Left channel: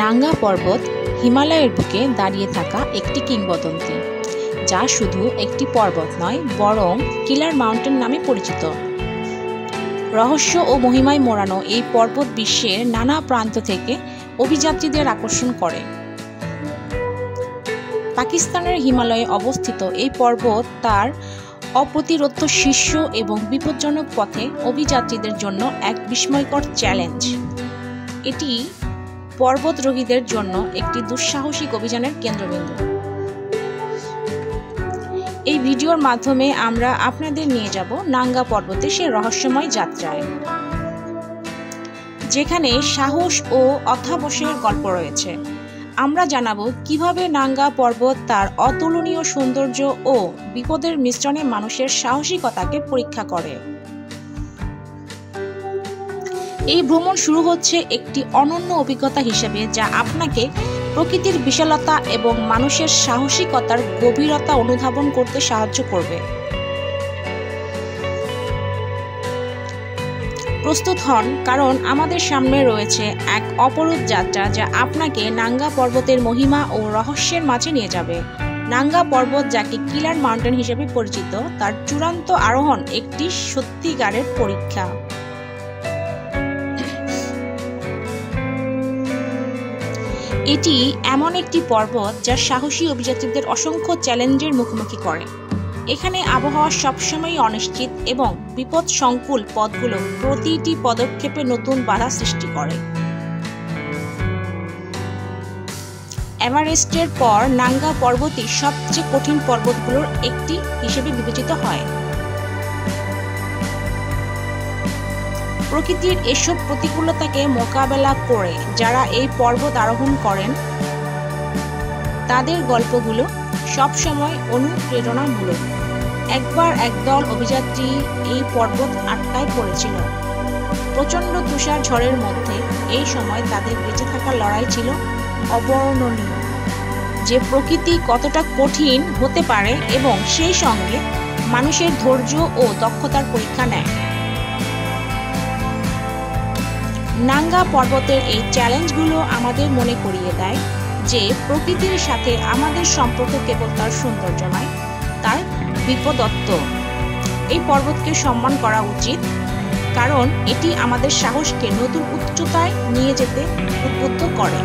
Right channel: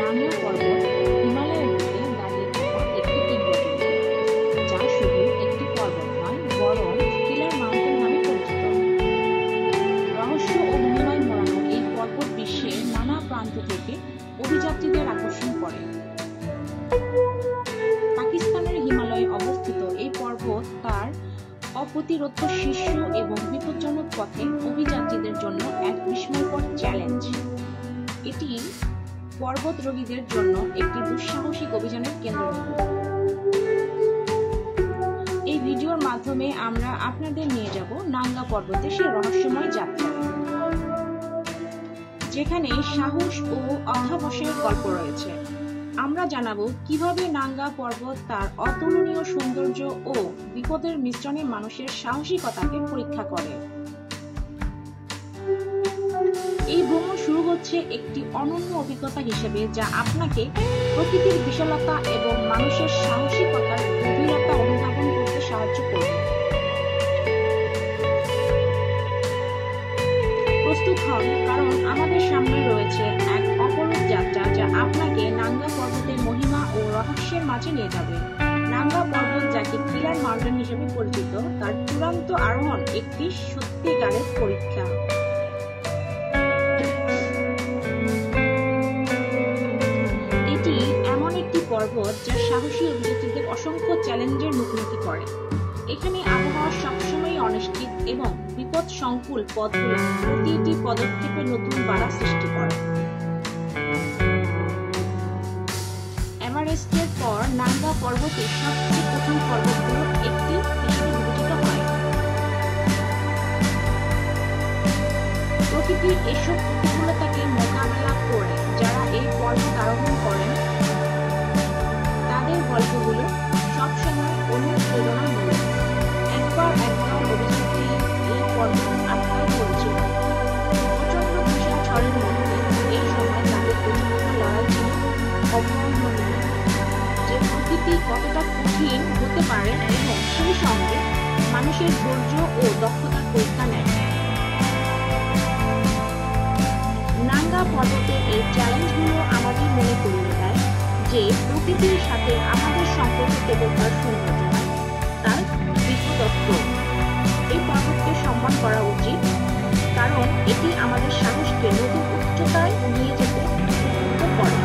নাঙ্গা পর্বত হিমালয়ের বুকে দাঁড়িয়ে থাকা একটি কিংবদন্তি, যা শুধু একটি পর্বত নয় বরং কিলার মাউন্টেন নামে পরিচিত। রহস্য ও মহিমায় মোড়ানো এই পর্বত বিশ্বের নানা প্রান্ত থেকে অভিযাত্রীদের আকর্ষণ করে। পাকিস্তানের হিমালয়ে অবস্থিত এই পর্বত তার অপ্রতিরোধ্য শীর্ষ এবং বিপজ্জনক পথে অভিযাত্রীদের জন্য এক বিস্ময়কর চ্যালেঞ্জ। এটি পর্বতারোহীদের জন্য একটি দুঃসাহসিক অভিযানের কেন্দ্রবিন্দু। এই ভিডিওর মাধ্যমে আমরা আপনাদের নিয়ে যাব নাঙ্গা পর্বতের সেই রহস্যময় যাত্রায়, যেখানে সাহস ও অধ্যাবসায়ের গল্প রয়েছে। আমরা জানাবো কিভাবে নাঙ্গা পর্বত তার অতুলনীয় সৌন্দর্য ও বিপদের মিশ্রণে মানুষের সাহসিকতাকে পরীক্ষা করে। এই ভ্রমণ শুরু হচ্ছে একটি অনন্য অভিজ্ঞতা হিসেবে, যা আপনাকে প্রকৃতির বিশালতা এবং মানুষের সাহসিকতার গভীরতা অনুধাবন করতে সাহায্য করবে। প্রস্তুত হন, কারণ আমাদের সামনে রয়েছে এক অপরূপ যাত্রা যা আপনাকে নাঙ্গা পর্বতের মহিমা ও রহস্যের মাঝে নিয়ে যাবে। নাঙ্গা পর্বত, যাকে কিলার মাউন্টেন হিসেবে পরিচিত, তার চূড়ান্ত আরোহণ একটি সত্যিকারের পরীক্ষা। এটি এমন একটি পর্বত যা সাহসী অভিযাত্রীদের অসংখ্য চ্যালেঞ্জের মুখোমুখি করে। এখানে আবহাওয়া সবসময় অনিশ্চিত এবং বিপদসংকুল পথগুলো প্রতিটি পদক্ষেপে নতুন বাধা সৃষ্টি করে। এভারেস্টের পর নাঙ্গা পর্বতই সবচেয়ে কঠিন পর্বতগুলোর একটি হিসেবে বিবেচিত হয়। প্রকৃতির এসব প্রতিকূলতাকে মোকাবেলা করে যারা এই পর্বত আরোহণ করেন, তাদের গল্পগুলো সবসময় অনুপ্রেরণামূলক। একবার একদল অভিযাত্রী এই পর্বত আটকায় পড়েছিল। প্রচণ্ড তুষার ঝড়ের মধ্যে এই সময় তাদের বেঁচে থাকার লড়াই ছিল অবর্ণনীয়। যে প্রকৃতি কতটা কঠিন হতে পারে এবং সেই সঙ্গে মানুষের ধৈর্য ও দক্ষতার পরীক্ষা নেয়। নাঙ্গা পর্বতের এই চ্যালেঞ্জগুলো আমাদের মনে করিয়ে দেয় যে প্রকৃতির সাথে আমাদের সম্পর্ক কেবল তার সৌন্দর্য নয়, তার বিপদত্ব। এই পর্বতকে সম্মান করা উচিত, কারণ এটি আমাদের সাহসকে নতুন উচ্চতায় নিয়ে যেতে উদ্বুদ্ধ করে।